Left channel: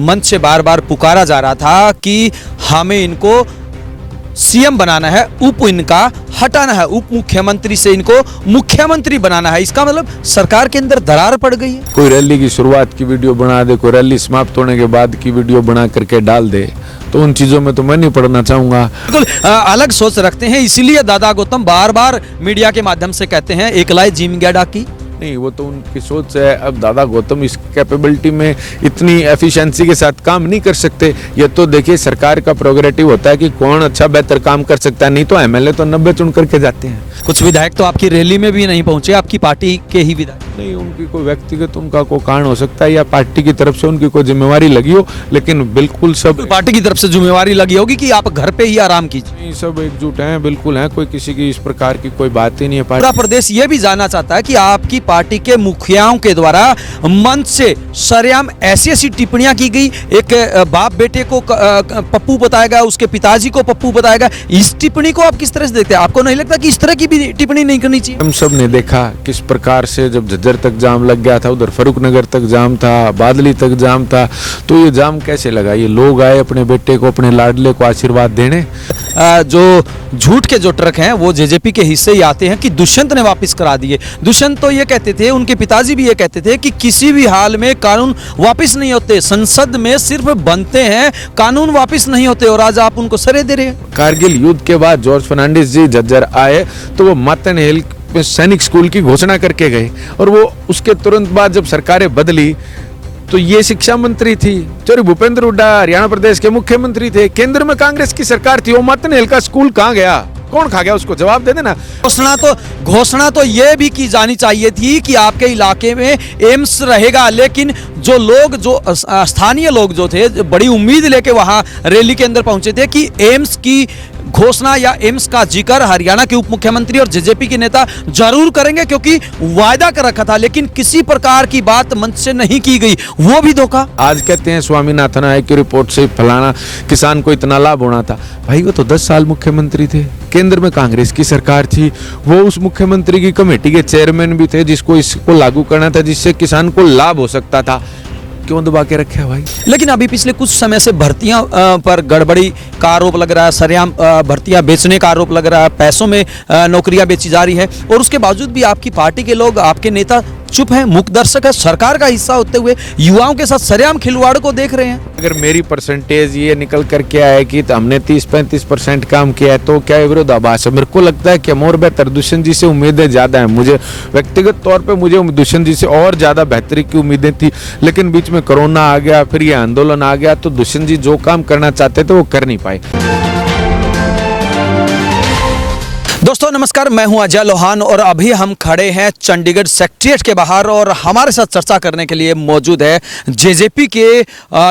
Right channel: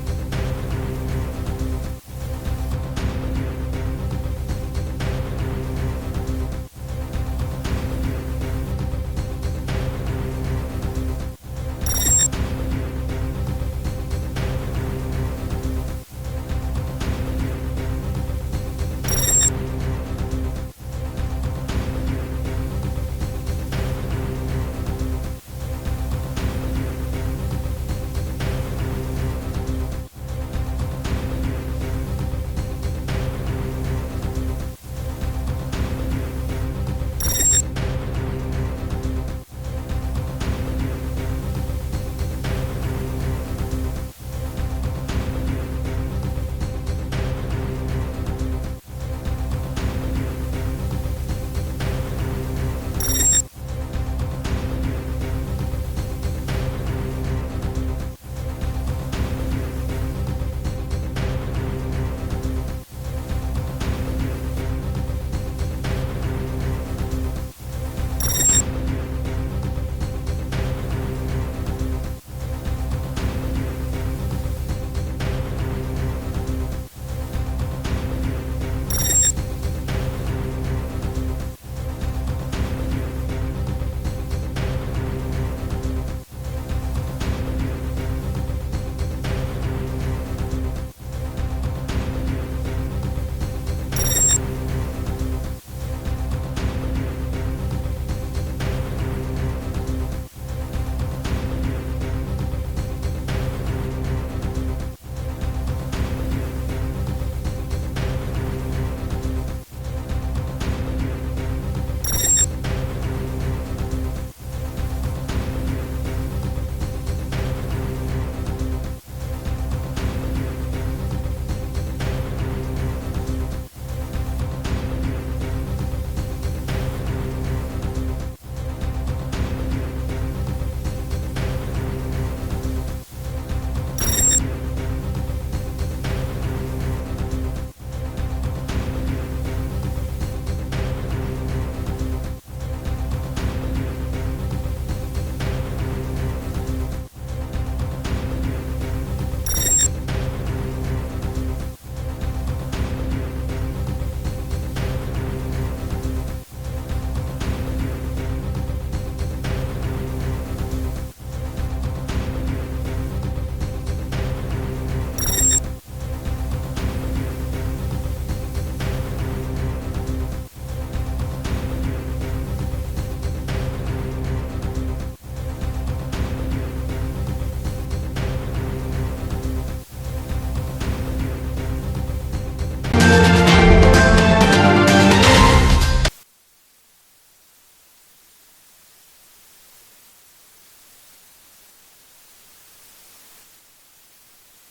मंच से बार बार पुकारा जा रहा था कि हमें इनको सीएम बनाना है, उप इनका हटाना है, उप मुख्यमंत्री से इनको मुख्यमंत्री बनाना है। इसका मतलब सरकार के अंदर दरार पड़ गई है। कोई रैली की शुरुआत की वीडियो बना दे, कोई रैली समाप्त होने के बाद की वीडियो बना करके डाल दे, तो उन चीजों में तो मैं नहीं पढ़ना चाहूंगा। बिल्कुल अलग सोच रखते हैं, इसीलिए दादा गौतम बार बार मीडिया के माध्यम से कहते हैं एकलाई जिम गया डाकी। नहीं, वो तो उनकी सोच है। अब दादा गौतम इस कैपेबिलिटी में इतनी एफिशिएंसी के साथ काम नहीं कर सकते। ये तो देखिए सरकार का प्रोग्रेटिव होता है कि कौन अच्छा बेहतर काम कर सकता है, नहीं तो एमएलए तो 90 चुन करके जाते हैं। कुछ विधायक तो आपकी रैली में भी नहीं पहुंचे, आपकी पार्टी के ही विधायक। नहीं, उनकी कोई व्यक्तिगत उनका कोई कारण हो सकता है या पार्टी की तरफ से उनकी कोई जिम्मेवारी लगी हो, लेकिन बिल्कुल सब पार्टी की तरफ से जिम्मेवारी लगी होगी कि आप घर पे ही आराम कीजिए। सब एकजुट हैं, बिल्कुल हैं, कोई किसी की इस प्रकार की कोई बात ही नहीं है। पूरा प्रदेश ये भी जानना चाहता है कि आपकी पार्टी के मुखियाओं के द्वारा मंच से सरेआम ऐसी ऐसी टिप्पणियां की गई, एक बाप बेटे को पप्पू बताएगा, उसके पिताजी को पप्पू बताएगा। इस टिप्पणी को आप किस तरह से देखते हैं? आपको नहीं लगता कि इस तरह की भी टिप्पणी नहीं करनी चाहिए? हम सब ने देखा किस प्रकार से जब झज्जर तक जाम लग गया था, उधर फरूख नगर तक जाम था, बादली तक जाम था, तो ये जाम कैसे लगा? ये लोग आए अपने बेटे को, अपने लाडले को आशीर्वाद देने। जो झूठ के जो ट्रक हैं वो जेजेपी के हिस्से ही आते हैं कि दुष्यंत ने वापस करा दिए। दुष्यंत तो ये कहते थे, उनके पिताजी भी ये कहते थे कि किसी भी हाल में कानून वापस नहीं होते, संसद में सिर्फ बनते हैं, कानून वापस नहीं होते, और आज आप उनको सरे दे रहे हैं। कारगिल युद्ध के बाद जॉर्ज फर्नांडिस जी झज्जर आए तो वो मातन हिल सैनिक स्कूल की घोषणा करके गए, और वो उसके तुरंत बाद जब सरकारें बदली तो ये शिक्षा मंत्री थी, चौधरी भूपेंद्र हुड्डा हरियाणा प्रदेश के मुख्यमंत्री थे, केंद्र में कांग्रेस की सरकार थी। वो मातन हिल का स्कूल कहाँ गया? कौन खा गया? उसको जवाब दे देना। घोषणा तो ये भी की जानी चाहिए थी कि आपके इलाके में एम्स रहेगा, लेकिन जो लोग, जो स्थानीय लोग जो थे, बड़ी उम्मीद लेके वहां रैली के अंदर पहुंचे थे कि एम्स की घोषणा या एम्स का जिक्र हरियाणा के उप मुख्यमंत्री और जेजेपी के नेता जरूर करेंगे, क्योंकि वायदा कर रखा था, लेकिन किसी प्रकार की बात मंच से नहीं की गई, वो भी धोखा। आज कहते हैं स्वामीनाथन आयोग की रिपोर्ट से फलाना किसान को इतना लाभ होना था। भाई वो तो 10 साल मुख्यमंत्री थे, केंद्र में कांग्रेस की सरकार थी, वो उस मुख्यमंत्री की कमेटी के चेयरमैन भी थे जिसको इसको लागू करना था, जिससे किसान को लाभ हो सकता था। क्यों दबा के रखे भाई? लेकिन अभी पिछले कुछ समय से भर्तियां पर गड़बड़ी का आरोप लग रहा है, सरेआम भर्तियां बेचने का आरोप लग रहा है, पैसों में नौकरियां बेची जा रही है, और उसके बावजूद भी आपकी पार्टी के लोग, आपके नेता चुप हैं, मुख्य दर्शक है, सरकार का हिस्सा होते हुए युवाओं के साथ सरेआम खिलवाड़ को देख रहे हैं। अगर मेरी परसेंटेज ये निकल कर के आए कि हमने 30-35% काम किया है, तो क्या विरोधाभास है? मेरे को लगता है कि और बेहतर दुष्यंत जी से उम्मीदें ज्यादा है। मुझे व्यक्तिगत तौर पे मुझे दुष्यंत जी से और ज्यादा बेहतरी की उम्मीदें थी, लेकिन बीच में कोरोना आ गया, फिर ये आंदोलन आ गया, तो दुष्यंत जी जो काम करना चाहते थे वो कर नहीं पाए। दोस्तों नमस्कार, मैं हूं अजय लोहान और अभी हम खड़े हैं चंडीगढ़ सेक्रेटेरिएट के बाहर, और हमारे साथ चर्चा करने के लिए मौजूद है जेजेपी के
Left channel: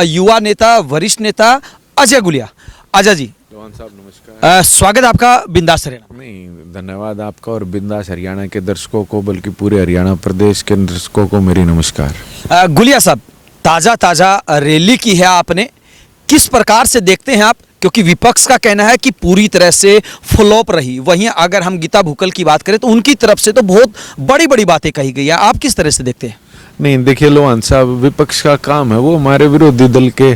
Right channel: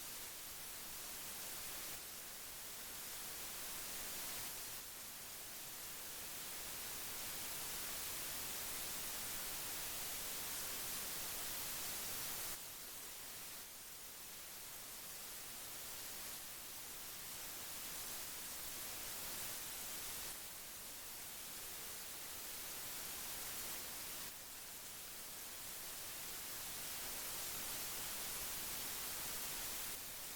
युवा नेता, वरिष्ठ नेता अजय गुलिया। अजय जी साहब नमस्कार। स्वागत है आपका बिंदास हरियाणा। नहीं, धन्यवाद आपका और बिंदास हरियाणा के दर्शकों को, बल्कि पूरे हरियाणा प्रदेश के दर्शकों को मेरी नमस्कार। गुलिया साहब, ताजा रैली की है आपने, किस प्रकार से देखते हैं आप? क्योंकि विपक्ष का कहना है कि पूरी तरह से फ्लॉप रही, वहीं अगर हम गीता भुक्कल की बात करें तो उनकी तरफ से तो बहुत बड़ी बड़ी बातें कही गई है, आप किस तरह से देखते हैं? नहीं देखिए लोहान साहब, विपक्ष का काम है, वो हमारे विरोधी दल के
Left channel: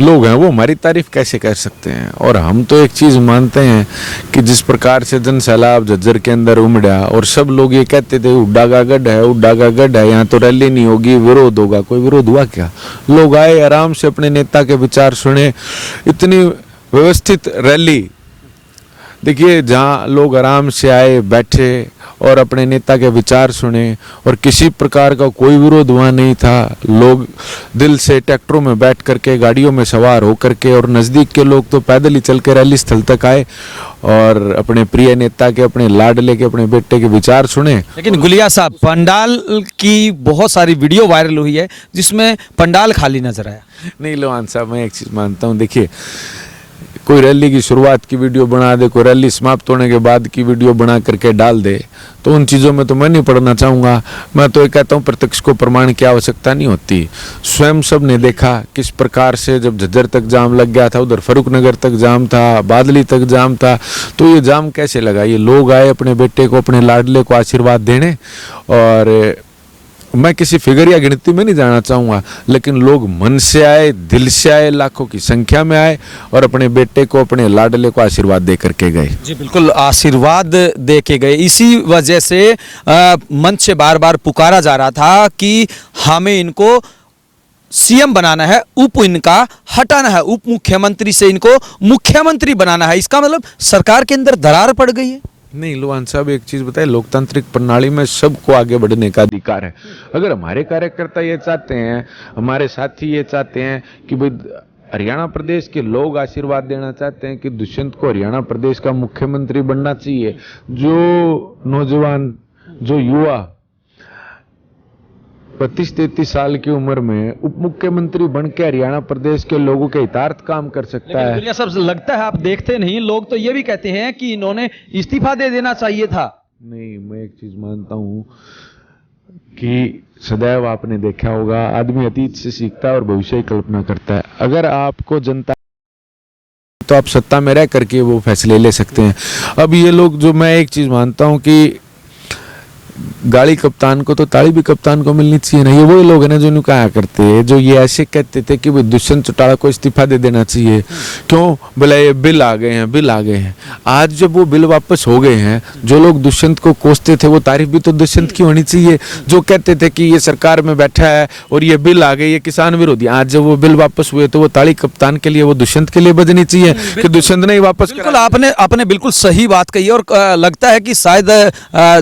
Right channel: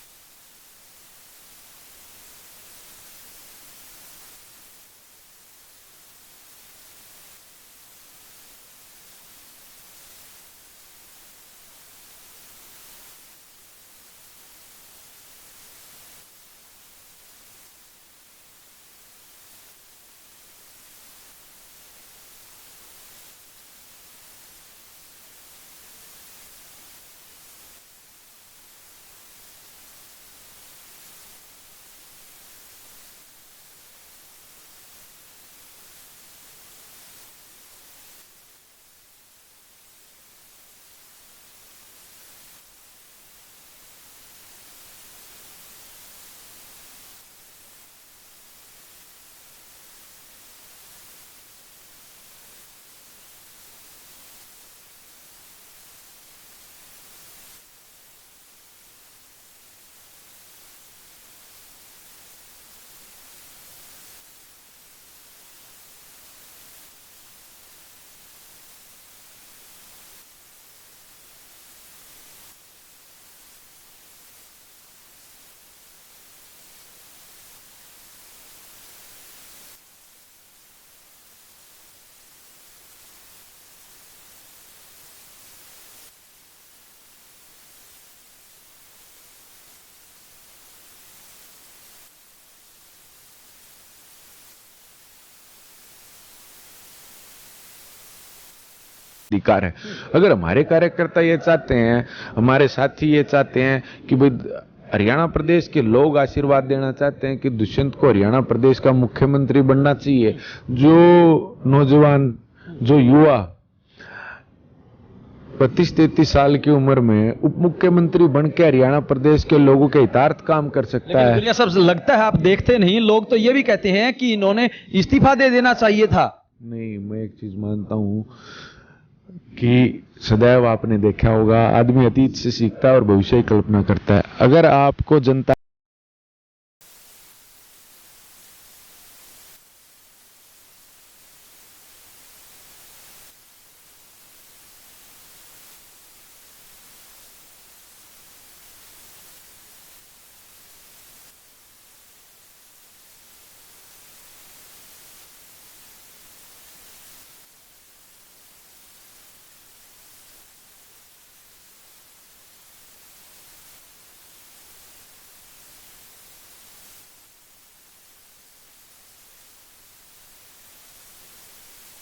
लोग हैं, वो हमारी तारीफ कैसे कर सकते हैं? और हम तो एक चीज़ मानते हैं कि जिस प्रकार से जन सैलाब झज्जर के अंदर उमड़ा और सब लोग ये कहते थे हुड्डा का गढ़ है, हुड्डा का गढ़ है, यहाँ तो रैली नहीं होगी, विरोध होगा। कोई विरोध हुआ क्या? लोग आए, आराम से अपने नेता के विचार सुने, इतनी व्यवस्थित रैली। देखिए जहाँ लोग आराम से आए, बैठे और अपने नेता के विचार सुने, और किसी प्रकार का कोई विरोध वहाँ नहीं था। लोग दिल से ट्रैक्टरों में बैठ करके, गाड़ियों में सवार हो करके, और नज़दीक के लोग तो पैदल ही चल के रैली स्थल तक आए और अपने प्रिय नेता के, अपने लाडले के, अपने बेटे के विचार सुने। लेकिन गुलिया साहब, पंडाल की बहुत सारी वीडियो वायरल हुई है जिसमें पंडाल खाली नजर आया। नहीं लोहान साहब, मैं एक चीज़ मानता हूँ, देखिए कोई रैली की शुरुआत की वीडियो बना दे, कोई रैली समाप्त होने के बाद की वीडियो बना करके डाल दे, तो उन चीज़ों में तो मैं नहीं पढ़ना चाहूँगा। मैं तो ये कहता हूँ प्रत्यक्ष को प्रमाण की आवश्यकता नहीं होती। स्वयं सब ने देखा किस प्रकार से जब झज्जर तक जाम लग गया था, उधर फरूख नगर तक जाम था, बादली तक जाम था, तो ये जाम कैसे लगा? ये लोग आए अपने बेटे को, अपने लाडले को आशीर्वाद देने, और मैं किसी फिगर या गिनती में नहीं जाना चाहूँगा, लेकिन लोग मन से आए, दिल से आए, लाखों की संख्या में आए और अपने बेटे को, अपने लाडले को आशीर्वाद दे करके गए। जी बिल्कुल, आशीर्वाद दे के गए। इसी वजह से मंच से बार बार पुकारा जा रहा था कि हमें इनको सीएम बनाना है, उप इनका हटाना है, उप मुख्यमंत्री से इनको मुख्यमंत्री बनाना है। इसका मतलब सरकार के अंदर दरार पड़ गई है। नहीं लोहान साहब, एक चीज बताए, लोकतांत्रिक प्रणाली में सबको आगे बढ़ने का अधिकार है। अगर हमारे कार्यकर्ता ये चाहते हैं, हमारे साथी ये चाहते हैं कि भाई हरियाणा प्रदेश के लोग आशीर्वाद देना चाहते हैं कि दुष्यंत को हरियाणा प्रदेश का मुख्यमंत्री बनना चाहिए, जो नौजवान, जो युवा 32-33 साल की उम्र में उप मुख्यमंत्री बन के हरियाणा प्रदेश के लोगों के हितार्थ काम कर सकता है। गुलिया साहब, लगता है आप देखते नहीं, लोग तो ये भी कहते हैं कि इन्होंने इस्तीफा दे देना चाहिए था। नहीं, मैं एक चीज मानता हूं कि सदैव आपने देखा होगा, आदमी अतीत से सीखता है और भविष्य की कल्पना करता है। अगर आपको जनता, तो आप सत्ता में रह करके वो फैसले ले सकते हैं। अब ये लोग, जो मैं एक चीज मानता हूं कि गाड़ी कप्तान को तो ताली भी कप्तान को मिलनी चाहिए ना। ये वही लोग हैं ना जो कहा करते हैं, जो ये ऐसे कहते थे कि भाई दुष्यंत चौटाला को इस्तीफा दे देना चाहिए। क्यों? बोला ये बिल आ गए हैं, बिल आ गए हैं। आज जब वो बिल वापस हो गए हैं, जो लोग दुष्यंत को कोसते थे वो तारीफ भी तो दुष्यंत की होनी चाहिए। जो कहते थे कि ये सरकार में बैठा है और ये बिल आ गए, ये किसान विरोधी, आज जब वो बिल वापस हुए तो वो ताली कप्तान के लिए, वो दुष्यंत के लिए बजनी चाहिए कि दुष्यंत ने ही वापस। बिल्कुल, आपने बिल्कुल सही बात कही। और लगता है कि शायद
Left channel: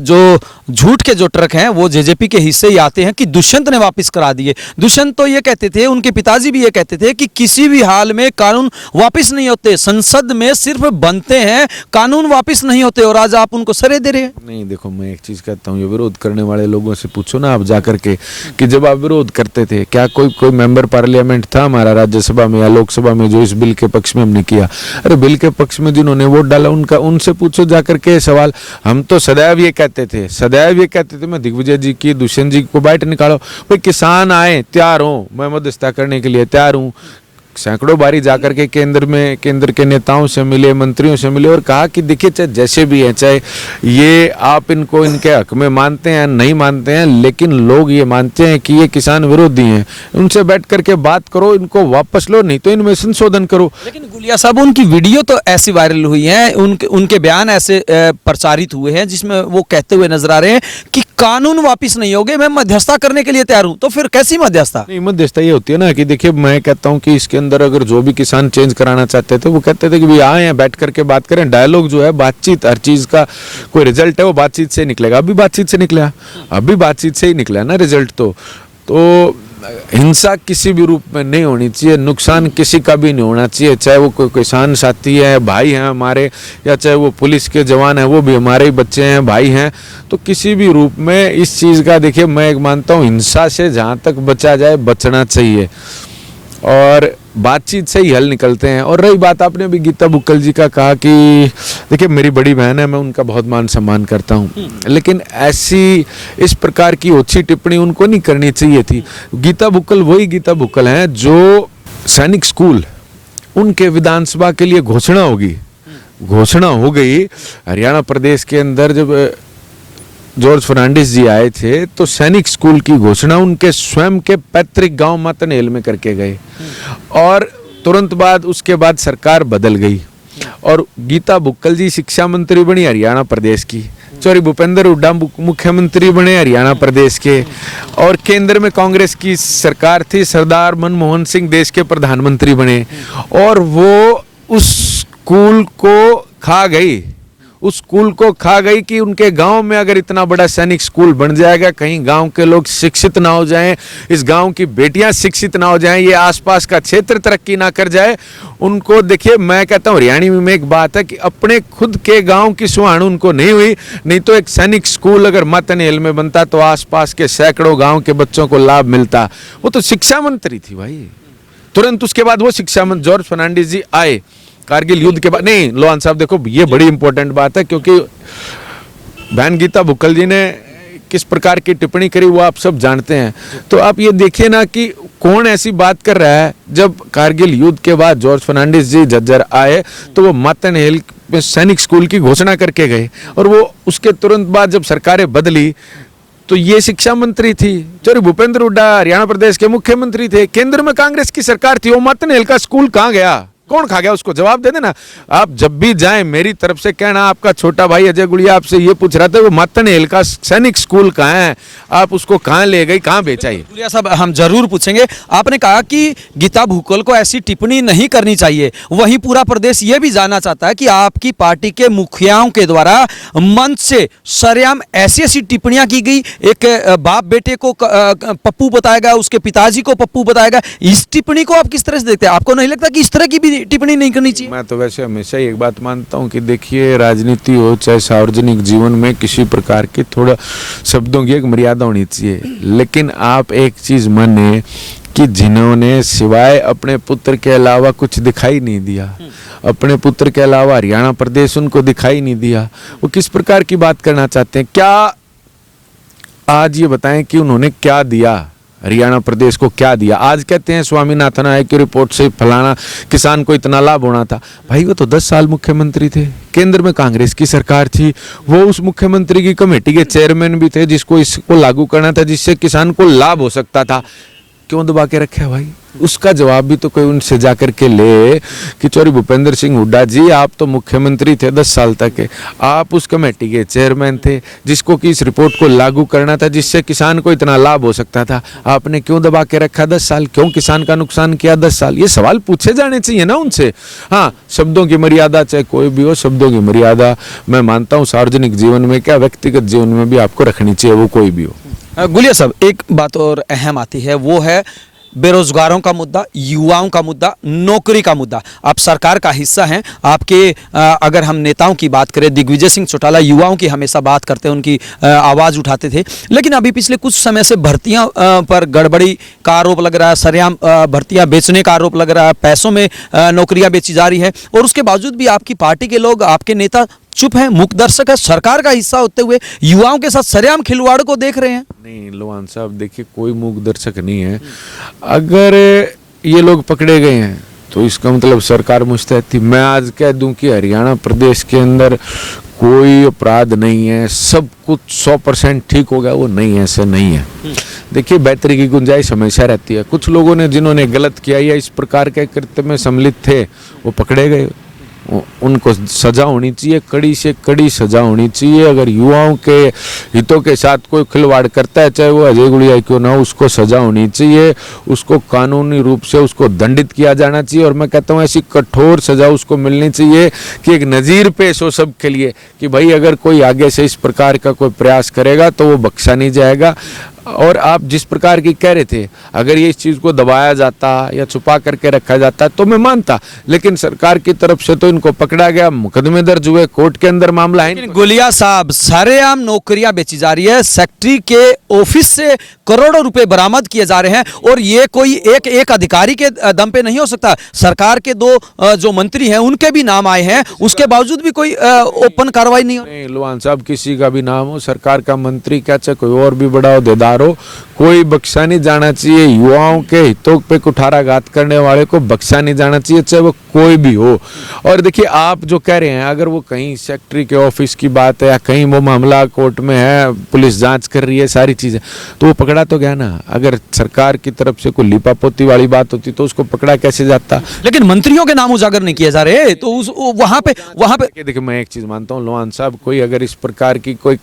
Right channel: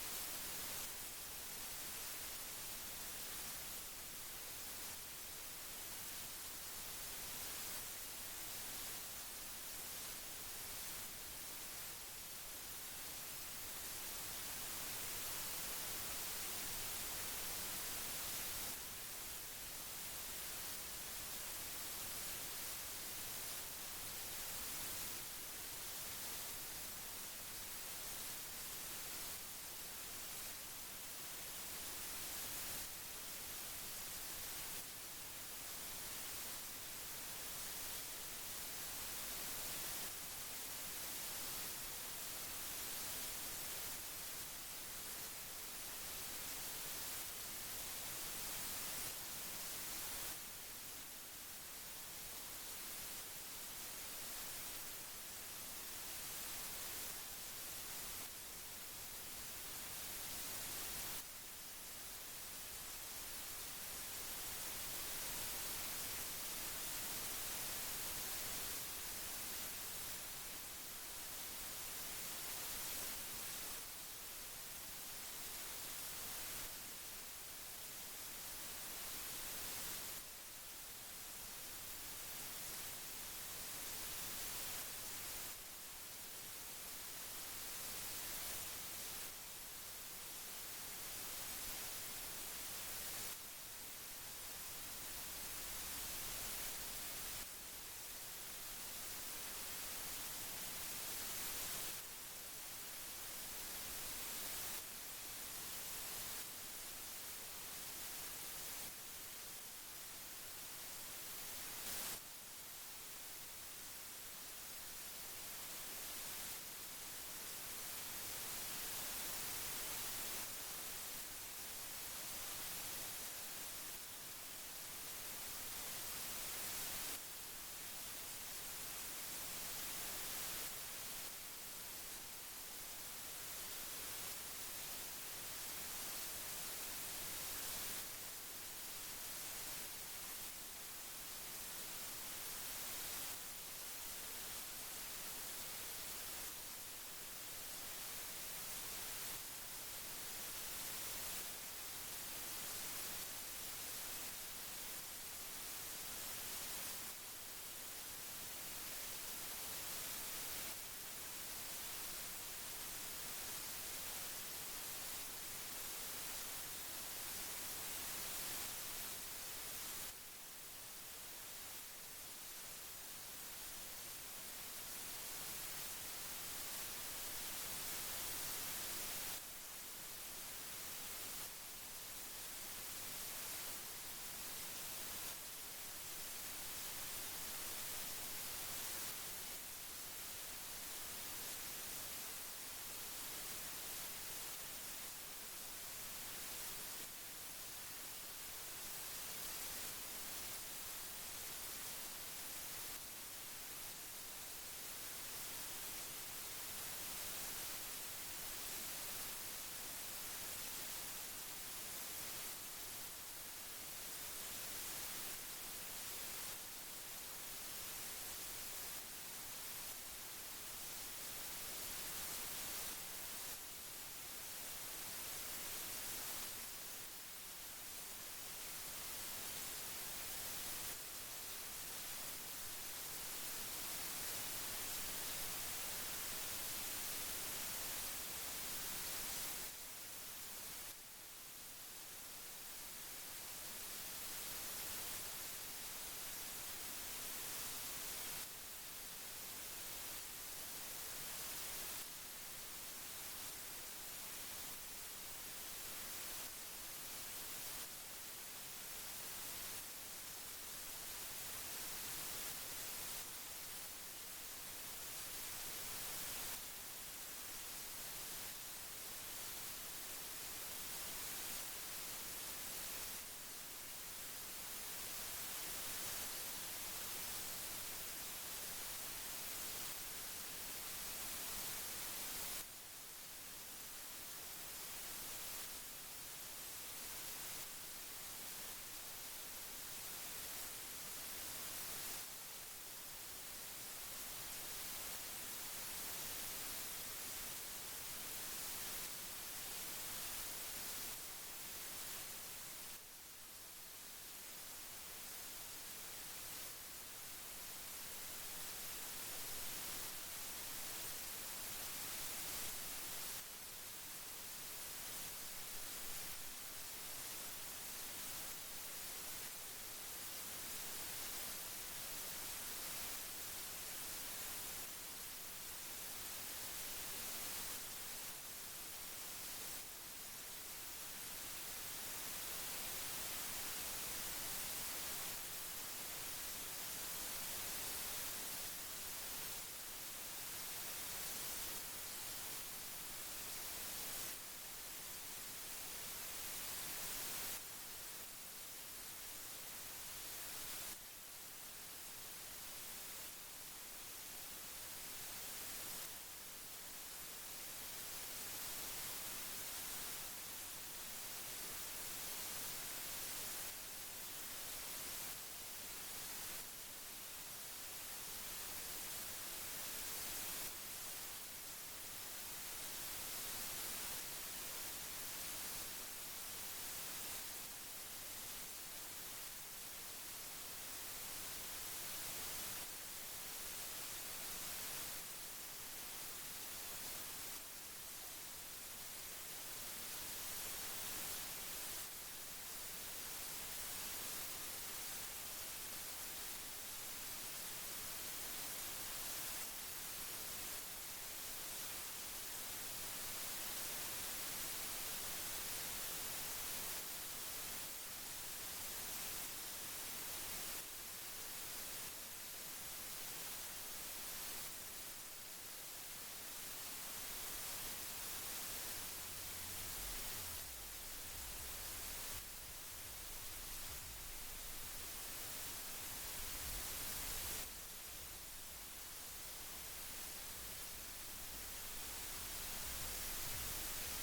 जो झूठ के जो ट्रक हैं वो जेजेपी के हिस्से ही आते हैं कि दुष्यंत ने वापस करा दिए। दुष्यंत तो ये कहते थे, उनके पिताजी भी ये कहते थे कि किसी भी हाल में कानून वापस नहीं होते, संसद में सिर्फ बनते हैं, कानून वापस नहीं होते। और आज आप उनको सरे दे रहे हैं। नहीं देखो, मैं एक चीज कहता हूँ, ये विरोध करने वाले लोगों से पूछो ना आप जाकर के कि जब आप विरोध करते थे, क्या कोई मेंबर पार्लियामेंट था हमारा राज्यसभा में या लोकसभा में जो इस बिल के पक्ष में हमने किया? अरे बिल के पक्ष में जिन्होंने वोट डाला उनसे पूछो जाकर के सवाल। हम तो सदैव ये कहते थे, मैं दिग्विजय जी की, दुष्यंत जी को बाइट निकालो, भाई किसान आए, तैयार हो, मैं मध्यस्थता करने के लिए तैयार हूँ। सैकड़ों बारी जाकर के केंद्र के नेताओं से मिले, मंत्रियों से मिले और कहा कि देखिए, चाहे जैसे भी है, चाहे ये आप इनको इनके हक में मानते हैं नहीं मानते हैं, लेकिन लोग ये मानते हैं कि ये किसान विरोधी हैं, उनसे बैठ करके बात करो, इनको वापस लो, नहीं तो इनमें संशोधन करो। लेकिन गुलिया साहब, उनकी वीडियो तो ऐसी वायरल हुई है, उनके बयान ऐसे प्रचारित हुए हैं जिसमें वो कहते हुए नजर आ रहे हैं कि कानून वापिस नहीं होंगे, मैं मध्यस्थता करने के लिए तैयार हूं। तो फिर कैसी मध्यस्थता? नहीं, मध्यस्थता ये होती है ना कि देखिए, मैं कहता हूं कि इसके अंदर अगर जो भी किसान चेंज कराना चाहते थे वो कहते थे कि भाई आए हैं, बैठ करके बात करें। डायलॉग जो है, बातचीत, हर चीज का कोई रिजल्ट है वो बातचीत से निकलेगा। अभी बातचीत से निकला, अभी बातचीत से ही निकला ना रिजल्ट। तो हिंसा किसी भी रूप में नहीं होनी चाहिए, नुकसान किसी का भी नहीं होना चाहिए, चाहे वो कोई किसान साथी है, भाई हैं हमारे, या चाहे वो पुलिस के जवान हैं, वो भी हमारे ही बच्चे हैं, भाई हैं। तो किसी भी रूप में इस चीज़ का, देखिए मैं एक मानता हूँ, हिंसा से जहाँ तक बचा जाए बचना चाहिए और बातचीत से ही हल निकलते हैं। और रही बात, आपने भी गीता बुक्कल जी का कहा कि देखिए मेरी बड़ी बहन है, मैं उनका बहुत मान सम्मान करता हूँ, लेकिन ऐसी इस प्रकार की ओछी टिप्पणी उनको नहीं करनी चाहिए थी। गीता बुक्कल वही गीता बुक्कल हैं जो सैनिक स्कूल, उनके विधानसभा के लिए घोषणा हो गई हरियाणा प्रदेश के अंदर। जब जॉर्ज फर्नांडिस जी आए थे तो सैनिक स्कूल की घोषणा उनके स्वयं के पैतृक गांव मातनहेल में करके गए और तुरंत बाद उसके बाद सरकार बदल गई और गीता बुक्कल जी शिक्षा मंत्री बनी हरियाणा प्रदेश की, सॉरी भूपेंद्र हुड्डा मुख्यमंत्री बने हरियाणा प्रदेश के, और केंद्र में कांग्रेस की सरकार थी, सरदार मनमोहन सिंह देश के प्रधानमंत्री बने और वो उस स्कूल को खा गई कि उनके गांव में अगर इतना बड़ा सैनिक स्कूल बन जाएगा, कहीं गांव के लोग शिक्षित ना हो जाएं, इस गांव की बेटियां शिक्षित ना हो जाएं, ये आसपास का क्षेत्र तरक्की ना कर जाए, उनको देखिए, मैं कहता हूँ हरियाणा में एक बात है कि अपने खुद के गांव की सुहान उनको नहीं हुई, नहीं तो एक सैनिक स्कूल अगर मातनहेल में बनता तो आसपास के सैकड़ों गाँव के बच्चों को लाभ मिलता। वो तो शिक्षा मंत्री थी भाई, तुरंत उसके बाद वो शिक्षा मंत्री जॉर्ज फर्नांडिस जी आए कारगिल युद्ध के बाद। नहीं लोहान साहब, देखो ये बड़ी इंपॉर्टेंट बात है क्योंकि बहन गीता बुक्कल जी ने किस प्रकार की टिप्पणी करी वो आप सब जानते हैं। तो आप ये देखिए ना कि कौन ऐसी बात कर रहा है। जब कारगिल युद्ध के बाद जॉर्ज फर्नांडिस जी झज्जर आए तो वो मातनहेल में सैनिक स्कूल की घोषणा करके गए और वो उसके तुरंत बाद जब सरकारें बदली तो ये शिक्षा मंत्री थी। चौधरी भूपेंद्र हुड्डा हरियाणा प्रदेश के मुख्यमंत्री थे, केंद्र में कांग्रेस की सरकार थी। वो मतनेल का स्कूल कहाँ गया, कौन खा गया, उसको जवाब दे देना। आप जब भी जाएं मेरी तरफ से कहना, आपका छोटा भाई अजय गुड़िया आपसे ये पूछ रहा था वो मतनेल का सैनिक स्कूल कहाँ है, आप उसको कहाँ ले गई, कहाँ बेचा? गुड़िया साहब हम जरूर पूछेंगे। आपने कहा कि गीता भुक्कल को ऐसी टिप्पणी नहीं करनी चाहिए, वहीं पूरा प्रदेश ये भी जानना चाहता है कि आपकी पार्टी के मुखियाओं के द्वारा मंच से सरेआम ऐसी ऐसी टिप्पणियां की गई। एक बाप बेटे को पप्पू बताएगा, उसके पिताजी को पप्पू बताएगा। इस टिप्पणी को आप किस तरह से देखते हैं? आपको नहीं लगता कि इस तरह की भी टिप्पणी नहीं करनी चाहिए? मैं तो वैसे हमेशा ही एक बात मानता हूं कि देखिए, राजनीति हो चाहे सार्वजनिक जीवन में, किसी प्रकार की थोड़ा शब्दों की एक मर्यादा होनी चाहिए। लेकिन आप एक चीज माने कि जिन्होंने सिवाय अपने पुत्र के अलावा कुछ दिखाई नहीं दिया, अपने पुत्र के अलावा हरियाणा प्रदेश उनको दिखाई नहीं दिया, वो किस प्रकार की बात करना चाहते हैं? क्या आज ये बताएं कि उन्होंने क्या दिया, हरियाणा प्रदेश को क्या दिया? आज कहते हैं स्वामीनाथन आयोग की रिपोर्ट से फलाना किसान को इतना लाभ होना था। भाई वो तो 10 साल मुख्यमंत्री थे, केंद्र में कांग्रेस की सरकार थी, वो उस मुख्यमंत्री की कमेटी के चेयरमैन भी थे जिसको इसको लागू करना था, जिससे किसान को लाभ हो सकता था। क्यों दबा के रखे भाई? उसका जवाब भी तो कोई उनसे जाकर के ले कि चौधरी भूपेंद्र सिंह हुड्डा जी आप तो मुख्यमंत्री थे 10 साल तक के, आप उस कमेटी के चेयरमैन थे जिसको कि इस रिपोर्ट को लागू करना था, जिससे किसान को इतना लाभ हो सकता था। आपने क्यों दबा के रखा 10 साल? क्यों किसान का नुकसान किया 10 साल? ये सवाल पूछे जाने चाहिए ना उनसे। हाँ, शब्दों की मर्यादा, चाहे कोई भी हो, शब्दों की मर्यादा मैं मानता हूँ सार्वजनिक जीवन में क्या व्यक्तिगत जीवन में भी आपको रखनी चाहिए, वो कोई भी हो। गुलिया साहब एक बात और अहम आती है, वो है बेरोजगारों का मुद्दा, युवाओं का मुद्दा, नौकरी का मुद्दा। आप सरकार का हिस्सा हैं, आपके अगर हम नेताओं की बात करें, दिग्विजय सिंह चौटाला युवाओं की हमेशा बात करते हैं, उनकी आवाज़ उठाते थे। लेकिन अभी पिछले कुछ समय से भर्तियां पर गड़बड़ी का आरोप लग रहा है, सरेआम भर्तियां बेचने का आरोप लग रहा है, पैसों में नौकरियां बेची जा रही है, और उसके बावजूद भी आपकी पार्टी के लोग, आपके नेता चुप है, मूक दर्शक है। सरकार का हिस्सा होते हुए युवाओं के साथ सरेआम खिलवाड़ को देख रहे हैं। नहीं लोहान साहब, देखिए कोई मूक दर्शक नहीं है। अगर ये लोग पकड़े गए हैं तो इसका मतलब सरकार मुस्तैद थी। मैं आज कह दूं कि हरियाणा प्रदेश के अंदर कोई अपराध नहीं है, सब कुछ 100% ठीक हो गया, वो नहीं है, ऐसा नहीं है। देखिए बेहतरी की गुंजाइश हमेशा रहती है। कुछ लोगों ने जिन्होंने गलत किया या इस प्रकार के कृत्य में सम्मिलित थे वो पकड़े गए, उनको सजा होनी चाहिए, कड़ी से कड़ी सजा होनी चाहिए। अगर युवाओं के हितों के साथ कोई खिलवाड़ करता है, चाहे वो अजय गुड़िया क्यों ना हो, उसको सजा होनी चाहिए, उसको कानूनी रूप से उसको दंडित किया जाना चाहिए। और मैं कहता हूँ ऐसी कठोर सजा उसको मिलनी चाहिए कि एक नज़ीर पेश हो सबके लिए कि भाई अगर कोई आगे से इस प्रकार का कोई प्रयास करेगा तो वो बख्शा नहीं जाएगा। और आप जिस प्रकार की कह रहे थे, अगर ये इस चीज़ को दबाया जाता या छुपा करके रखा जाता तो मैं मानता, लेकिन सरकार की तरफ से तो इनको पकड़ा गया, मुकदमे दर्ज हुए, कोर्ट के अंदर मामला है। गुलिया साहब, सरेआम नौकरियां बेची जा रही है, सेक्रेटरी के ऑफिस से करोड़ों रुपए बरामद किए जा रहे हैं, और ये कोई एक अधिकारी के दम पे नहीं हो सकता। सरकार के 2 जो मंत्री हैं उनके भी नाम आए हैं, उसके बावजूद भी कोई ओपन कार्रवाई नहीं हो। लोहान साहब, किसी का भी नाम हो, सरकार का मंत्री क्या चाहे कोई और भी बड़ा होद्देदार हो, कोई बख्शा नहीं जाना चाहिए। युवाओं के हितों पे कुठाराघात करने वाले को बख्शा नहीं जाना चाहिए, चाहे वो कोई भी हो। और देखिए आप जो कह रहे हैं, अगर वो कहीं सेक्रेटरी के ऑफिस की बात है या कहीं वो मामला कोर्ट में है, पुलिस जांच कर रही है, सारी चीजें, तो वो पकड़ा तो गया ना। अगर सरकार की तरफ से कोई लिपापोती वाली बात होती तो उसको पकड़ा कैसे जाता? लेकिन मंत्रियों के नाम उजागर नहीं किए जा रहे, तो वहां पे देखिए मैं एक चीज मानता हूँ लोहान साहब, कोई अगर इस प्रकार की कोई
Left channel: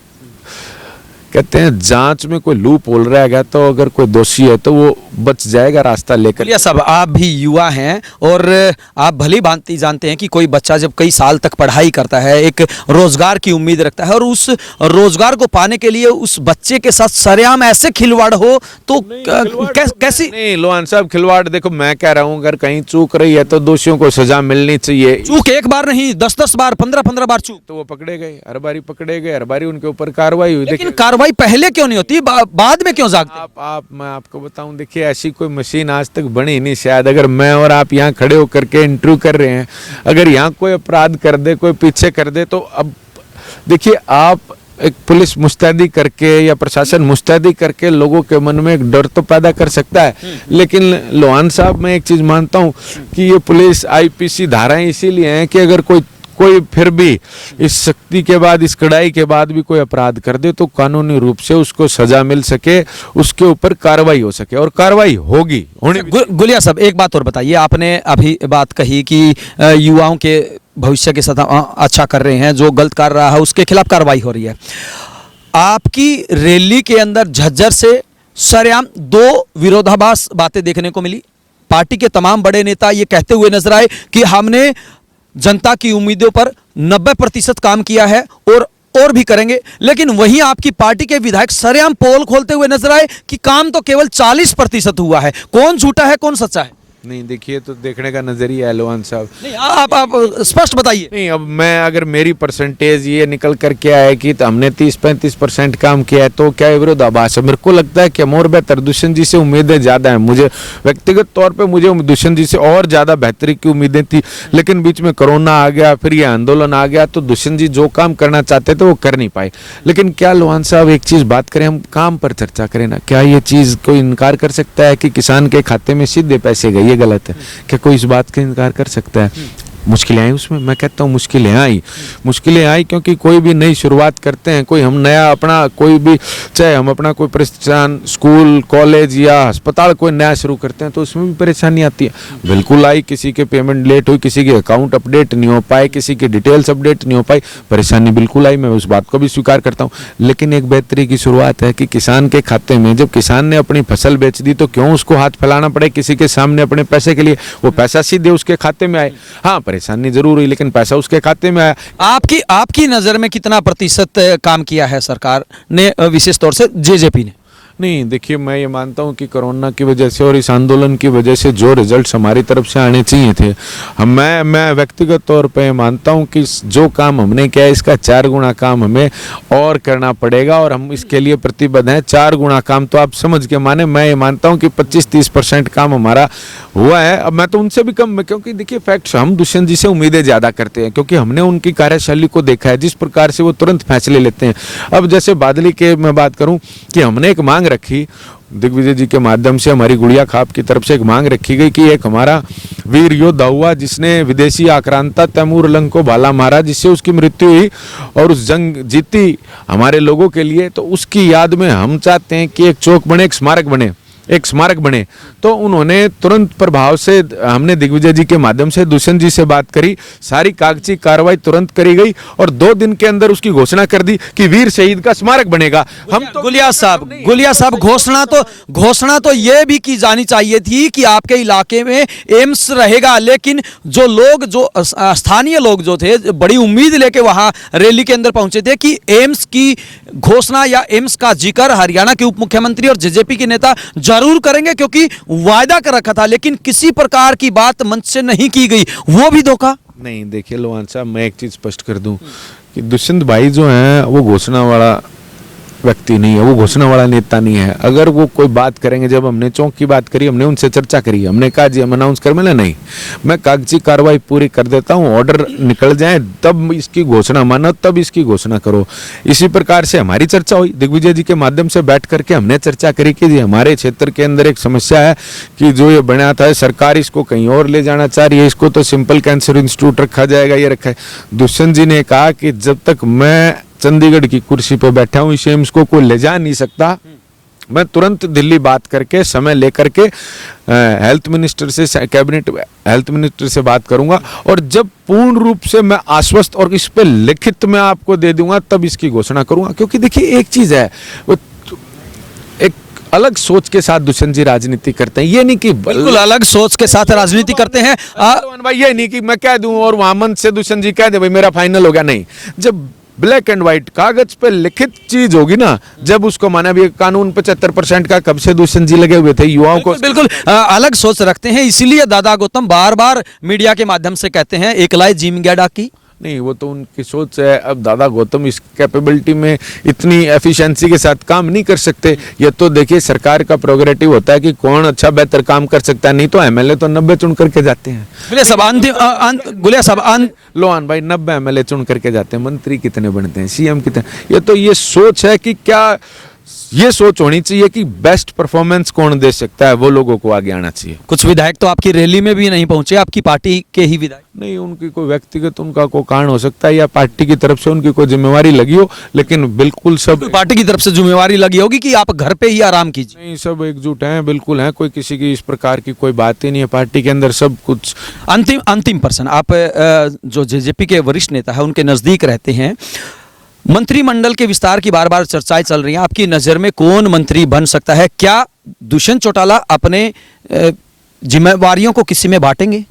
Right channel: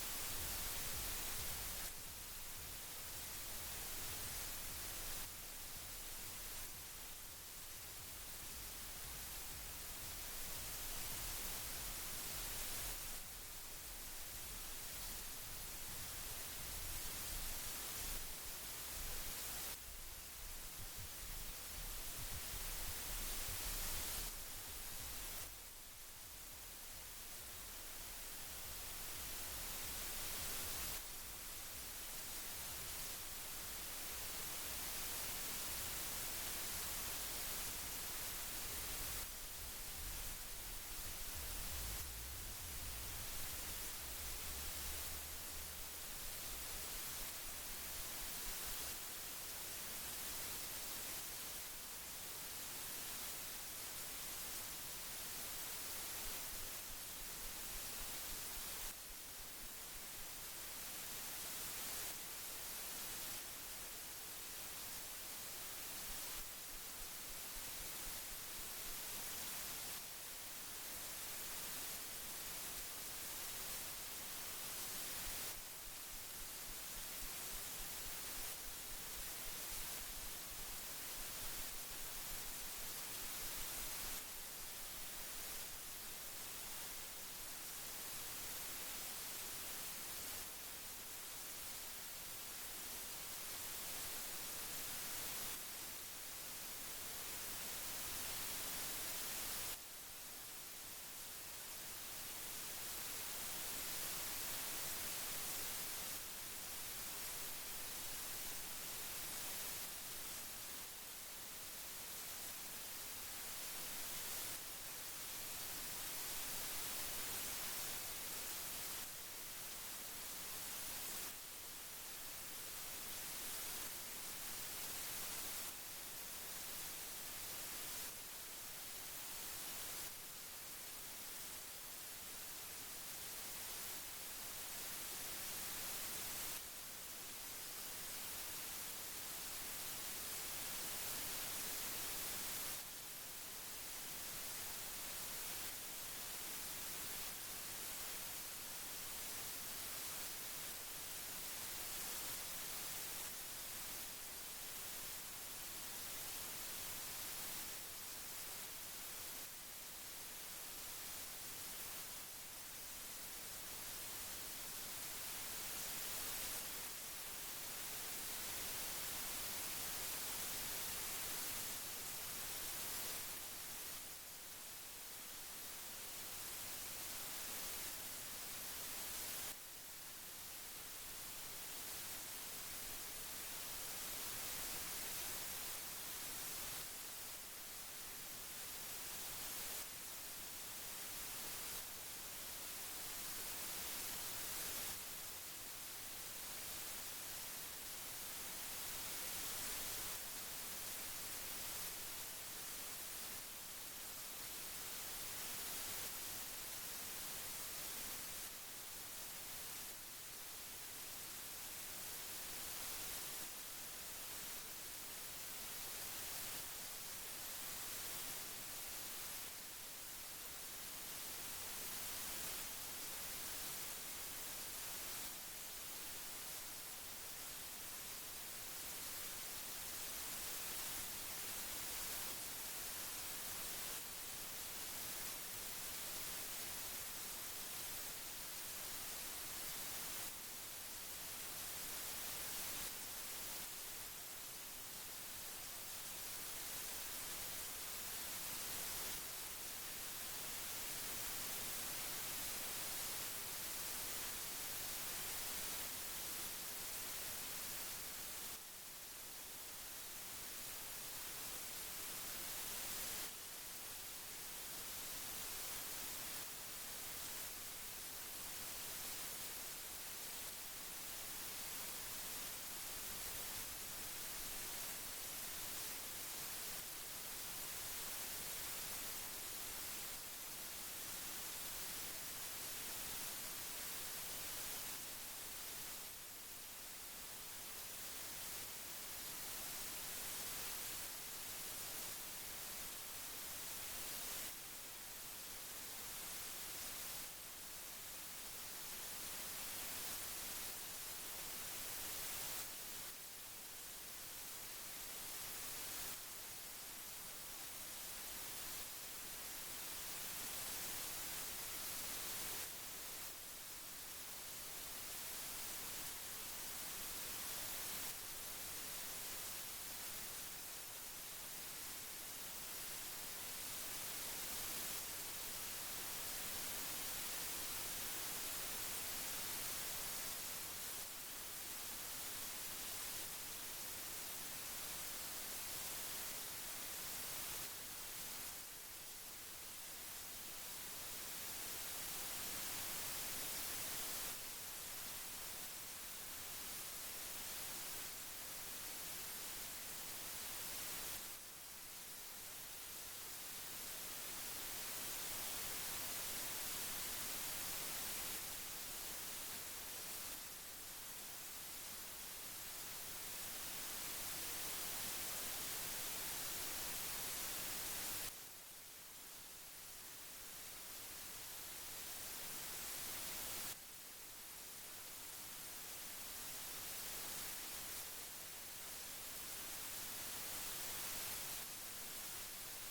कहते हैं जांच में कोई लूप होल रह गया तो अगर कोई दोषी है तो वो बच जाएगा रास्ता लेकर। या सब आप भी युवा हैं और आप भली भांति जानते हैं कि कोई बच्चा जब कई साल तक पढ़ाई करता है, एक रोजगार की उम्मीद रखता है, और उस रोजगार को पाने के लिए उस बच्चे के साथ सरेआम ऐसे खिलवाड़ हो तो कैसी? नहीं लोहान साहब, खिलवाड़ देखो मैं कह रहा हूँ, अगर कहीं चूक रही है तो दोषियों को सजा मिलनी चाहिए। चूक एक बार नहीं, 10-10 बार, 15-15 बार चूक, तो वो पकड़े गए, हर बारी पकड़े गए, हर बारी उनके ऊपर कार्रवाई हुई। लेकिन कार्रवाई पहले क्यों नहीं होती, बाद में क्यों जागते? मैं आपको बताऊं, देखिए ऐसी कोई मशीन आज तक बनी नहीं शायद। अगर मैं और आप यहाँ खड़े होकर के इंटरव्यू कर रहे हैं, अगर यहाँ कोई अपराध कर दे, कोई पीछे कर दे, तो अब देखिए आप एक पुलिस मुस्तैदी करके या प्रशासन मुस्तैदी करके लोगों के मन में एक डर तो पैदा कर सकता है। लेकिन लोहान साहब, मैं एक चीज मानता हूँ कि ये पुलिस IPC धाराएं इसीलिए हैं कि अगर कोई कोई फिर भी इस शक्ति के बाद, इस कड़ाई के बाद भी कोई अपराध कर दे तो कानूनी रूप से उसको सजा मिल सके, उसके ऊपर कार्रवाई हो सके, और कार्रवाई होगी होनी। गुलिया साहब, एक बात और बताइए, आपने अभी बात कही कि युवाओं के भविष्य के साथ अच्छा कर रहे हैं, जो गलत कर रहा है उसके खिलाफ कार्रवाई हो रही है। आपकी रैली के अंदर झज्जर से सरेआम दो विरोधाभास बातें देखने को मिली। पार्टी के तमाम बड़े नेता ये कहते हुए नजर आए कि हमने जनता की उम्मीदों पर 90% काम किया है और भी करेंगे, लेकिन वहीं आपकी पार्टी के विधायक सरेआम पोल खोलते हुए नजर आए कि काम तो केवल 40% हुआ है। कौन झूठा है, कौन सच्चा है? नहीं देखिए, तो देखने का नजरिया है लोहान साहब। नहीं, आप स्पष्ट बताइए। नहीं, अब मैं अगर मेरी परसेंटेज ये निकल कर के आए कि तो हमने 30-35% काम किया है तो क्या विरोधाभास है? मेरे को लगता है कि हम और बेहतर, दुष्यंत जी से उम्मीदें ज़्यादा हैं। मुझे व्यक्तिगत तौर पे मुझे दुष्यंत जी से और ज़्यादा बेहतरी की उम्मीदें थी, लेकिन बीच में कोरोना आ गया, फिर ये आंदोलन आ गया, तो दुष्यंत जी जो काम करना चाहते थे वो कर नहीं पाए। लेकिन क्या लोहान साहब, एक चीज़ बात करें, हम काम पर चर्चा करें ना, क्या ये चीज़ कोई इनकार कर सकता है कि किसान के खाते में सीधे पैसे गए? ये गलत है क्या? कोई इस बात का इनकार कर सकता है? मुश्किलें आई उसमें, मैं कहता हूँ मुश्किलें आई क्योंकि कोई भी नई शुरुआत करते हैं, कोई हम नया अपना कोई भी, चाहे हम अपना कोई प्रतिष्ठान, स्कूल, कॉलेज या अस्पताल कोई नया शुरू करते हैं तो उसमें भी परेशानी आती है। बिल्कुल आई, किसी के पेमेंट लेट हुई, किसी के अकाउंट अपडेट नहीं हो पाए, किसी की डिटेल्स अपडेट नहीं हो पाई, परेशानी बिल्कुल आई, मैं उस बात को भी स्वीकार करता हूँ। लेकिन एक बेहतरी की शुरुआत है कि किसान के खाते में, जब किसान ने अपनी फसल बेच दी तो क्यों उसको हाथ फैलाना पड़े किसी के सामने अपने पैसे के लिए? वो पैसा सीधे उसके खाते में आए। हाँ, परेशानी जरूर हुई लेकिन पैसा उसके खाते में आया। आपकी नजर में कितना प्रतिशत काम किया है सरकार ने, विशेष तौर से जेजेपी ने? नहीं देखिए, मैं ये मानता हूँ कि कोरोना की वजह से और इस आंदोलन की वजह से जो रिजल्ट्स हमारी तरफ से आने चाहिए थे, मैं व्यक्तिगत तौर पे मानता हूँ कि जो काम हमने किया है इसका 4 गुना काम हमें और करना पड़ेगा और हम इसके लिए प्रतिबद्ध हैं। 4 गुना काम तो आप समझ के माने, मैं ये मानता हूँ कि 25-30% काम हमारा हुआ है। अब मैं तो उनसे भी कम, क्योंकि देखिए फैक्ट्स, हम दुष्यंत जी से उम्मीदें ज़्यादा करते हैं क्योंकि हमने उनकी कार्यशैली को देखा है, जिस प्रकार से वो तुरंत फैसले लेते हैं। अब जैसे बादली के मैं बात करूँ कि हमने एक मांग रखी, दिग्विजय जी के माध्यम से हमारी गुड़िया खाप की तरफ से एक मांग रखी गई कि एक हमारा वीर योद्धा हुआ जिसने विदेशी आक्रांता तैमूर लंग को भाला मारा, जिससे उसकी मृत्यु हुई और उस जंग जीती हमारे लोगों के लिए, तो उसकी याद में हम चाहते हैं कि एक चौक बने, एक स्मारक बने। तो उन्होंने तुरंत प्रभाव से, हमने दिग्विजय जी के माध्यम से दुष्यंत जी से बात करी, सारी कागजी कार्रवाई तुरंत करी गई और 2 दिन के अंदर उसकी घोषणा कर दी कि वीर शहीद का स्मारक बनेगा। हम तो गुलिया साहब, घोषणा तो ये भी की जानी चाहिए थी कि आपके इलाके में एम्स रहेगा, लेकिन जो स्थानीय लोग जो थे, बड़ी उम्मीद लेके वहां रैली के अंदर पहुंचे थे कि एम्स की घोषणा या एम्स का जिक्र हरियाणा के उप मुख्यमंत्री और जेजेपी के नेता जरूर करेंगे क्योंकि वायदा कर रखा था, लेकिन किसी प्रकार की बात मंच से नहीं की गई, वो भी धोखा। नहीं देखिए लोहान साहब, मैं एक चीज स्पष्ट कर दूं कि दुष्यंत भाई जो हैं वो घोषणा वाला व्यक्ति नहीं है, वो घोषणा वाला नेता नहीं है। अगर वो कोई बात करेंगे, जब हमने चौक की बात करी, हमने उनसे चर्चा करी, हमने कहा जी हम अनाउंस कर मिले, नहीं, मैं कागजी कार्रवाई पूरी कर देता हूँ, ऑर्डर निकल जाए तब इसकी घोषणा मानो, तब इसकी घोषणा करो। इसी प्रकार से हमारी चर्चा हुई, दिग्विजय जी के माध्यम से बैठ करके हमने चर्चा करी कि जी हमारे क्षेत्र के अंदर एक समस्या है कि जो ये बना था सरकार इसको कहीं और ले जाना चाह रही है, इसको तो सिंपल कैंसर इंस्टीट्यूट रखा जाएगा, ये रखा है। दुष्यंत जी ने कहा कि जब तक मैं चंडीगढ़ की कुर्सी पे बैठा हूं, इस एम्स को कोई ले जा नहीं सकता, मैं तुरंत दिल्ली बात करके, समय लेकर के हेल्थ मिनिस्टर से, कैबिनेट हेल्थ मिनिस्टर से बात करूंगा और जब पूर्ण रूप से मैं आश्वस्त और इस पे लिखित में आपको दे दूंगा तब इसकी घोषणा करूंगा। क्योंकि देखिए एक चीज है, एक अलग सोच के साथ दुष्यंत जी राजनीति करते हैं, ये नहीं कि बिल्कुल अलग सोच के साथ राजनीति करते हैं भाई, ये नहीं कि मैं कह दूं और वहां मन से दुष्यंत जी कह दे भाई मेरा फाइनल हो गया, नहीं। जब ब्लैक एंड व्हाइट कागज पे लिखित चीज होगी ना, जब उसको माना भी, कानून 75% का कब से दुष्यंत जी लगे हुए थे, युवाओं को बिल्कुल अलग सोच रखते हैं, इसीलिए दादा गौतम बार बार मीडिया के माध्यम से कहते हैं एकलाई जिम गया डाकी। नहीं, वो तो उनकी सोच है। अब दादा गौतम इस कैपेबिलिटी में इतनी एफिशिएंसी के साथ काम नहीं कर सकते। ये तो देखिए सरकार का प्रोग्रेटिव होता है कि कौन अच्छा बेहतर काम कर सकता है, नहीं तो एमएलए तो 90 चुन करके जाते हैं। लोहान भाई 90 एमएलए चुन करके जाते हैं, मंत्री कितने बनते हैं, सीएम कितने, ये तो ये सोच है कि क्या ये सोच होनी चाहिए कि बेस्ट परफॉर्मेंस कौन दे सकता है, वो लोगों को आगे आना चाहिए। कुछ विधायक तो आपकी रैली में भी नहीं पहुंचे, आपकी पार्टी के ही विधायक। नहीं, उनकी कोई व्यक्तिगत उनका कोई कारण हो सकता है या पार्टी की तरफ से उनकी कोई जिम्मेवारी लगी हो, लेकिन बिल्कुल सब पार्टी की तरफ से जिम्मेवारी लगी होगी कि आप घर पे ही आराम कीजिए। नहीं, सब एकजुट हैं, बिल्कुल हैं, कोई किसी की इस प्रकार की कोई बात ही नहीं है। पार्टी के अंदर सब कुछ। अंतिम प्रश्न, आप जो जेजेपी के वरिष्ठ नेता है उनके नजदीक रहते हैं, मंत्रिमंडल के विस्तार की बार बार चर्चाएं चल रही हैं, आपकी नजर में कौन मंत्री बन सकता है? क्या दुष्यंत चौटाला अपने जिम्मेवारियों को किसी में बांटेंगे?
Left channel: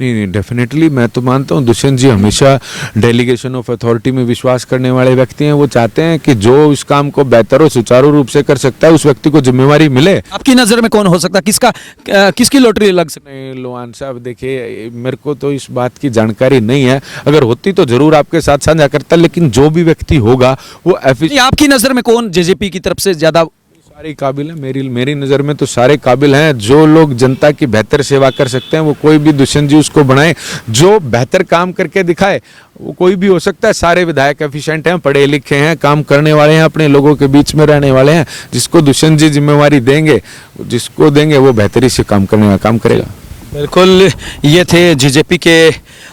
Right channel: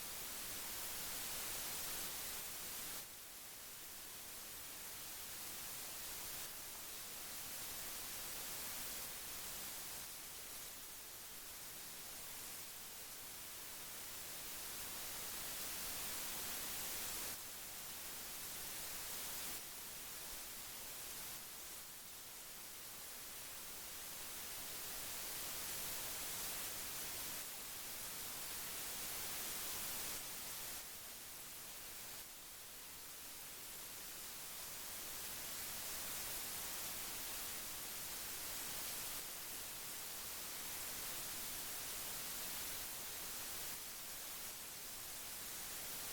नहीं, डेफिनेटली मैं तो मानता हूँ दुष्यंत जी हमेशा डेलीगेशन ऑफ अथॉरिटी में विश्वास करने वाले व्यक्ति हैं। वो चाहते हैं कि जो इस काम को बेहतर और सुचारू रूप से कर सकता है उस व्यक्ति को जिम्मेवारी मिले। आपकी नजर में कौन हो सकता है? किसकी लॉटरी लग सकती है? लोहान साहब, देखिए मेरे को तो इस बात की जानकारी नहीं है, अगर होती तो जरूर आपके साथ साझा करता, लेकिन जो भी व्यक्ति होगा वो आपकी नजर में कौन जेजेपी की तरफ से ज्यादा सारे काबिल है? मेरी नज़र में तो सारे काबिल हैं। जो लोग जनता की बेहतर सेवा कर सकते हैं वो कोई भी दुष्यंत जी उसको बनाए, जो बेहतर काम करके दिखाए वो कोई भी हो सकता है। सारे विधायक एफिशिएंट हैं, पढ़े लिखे हैं, काम करने वाले हैं, अपने लोगों के बीच में रहने वाले हैं। जिसको दुष्यंत जी जिम्मेवारी देंगे, जिसको देंगे वो बेहतरी से काम करने का काम करेगा। बिल्कुल, ये थे जेजेपी के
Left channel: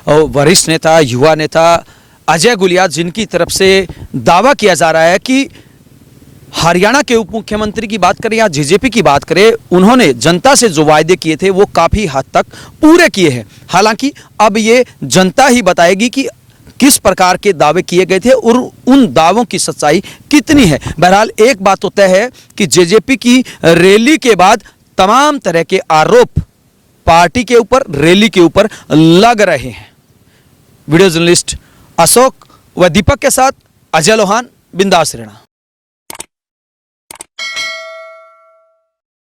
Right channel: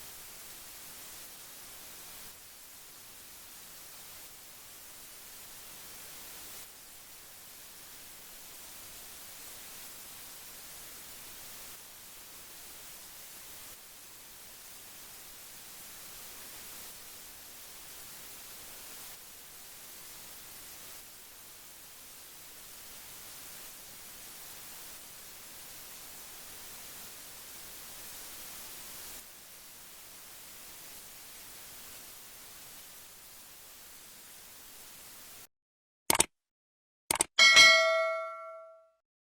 वरिष्ठ नेता, युवा नेता अजय गुलिया, जिनकी तरफ से दावा किया जा रहा है कि हरियाणा के उप मुख्यमंत्री की बात करें या जेजेपी की बात करें, उन्होंने जनता से जो वायदे किए थे वो काफ़ी हद तक पूरे किए हैं। हालांकि अब ये जनता ही बताएगी कि किस प्रकार के दावे किए गए थे और उन दावों की सच्चाई कितनी है। बहरहाल एक बात तो तय है कि जेजेपी की रैली के बाद तमाम तरह के आरोप पार्टी के ऊपर, रैली के ऊपर लग रहे हैं। वीडियो जर्नलिस्ट अशोक व दीपक के साथ अजय लोहान, बिंदास रहना।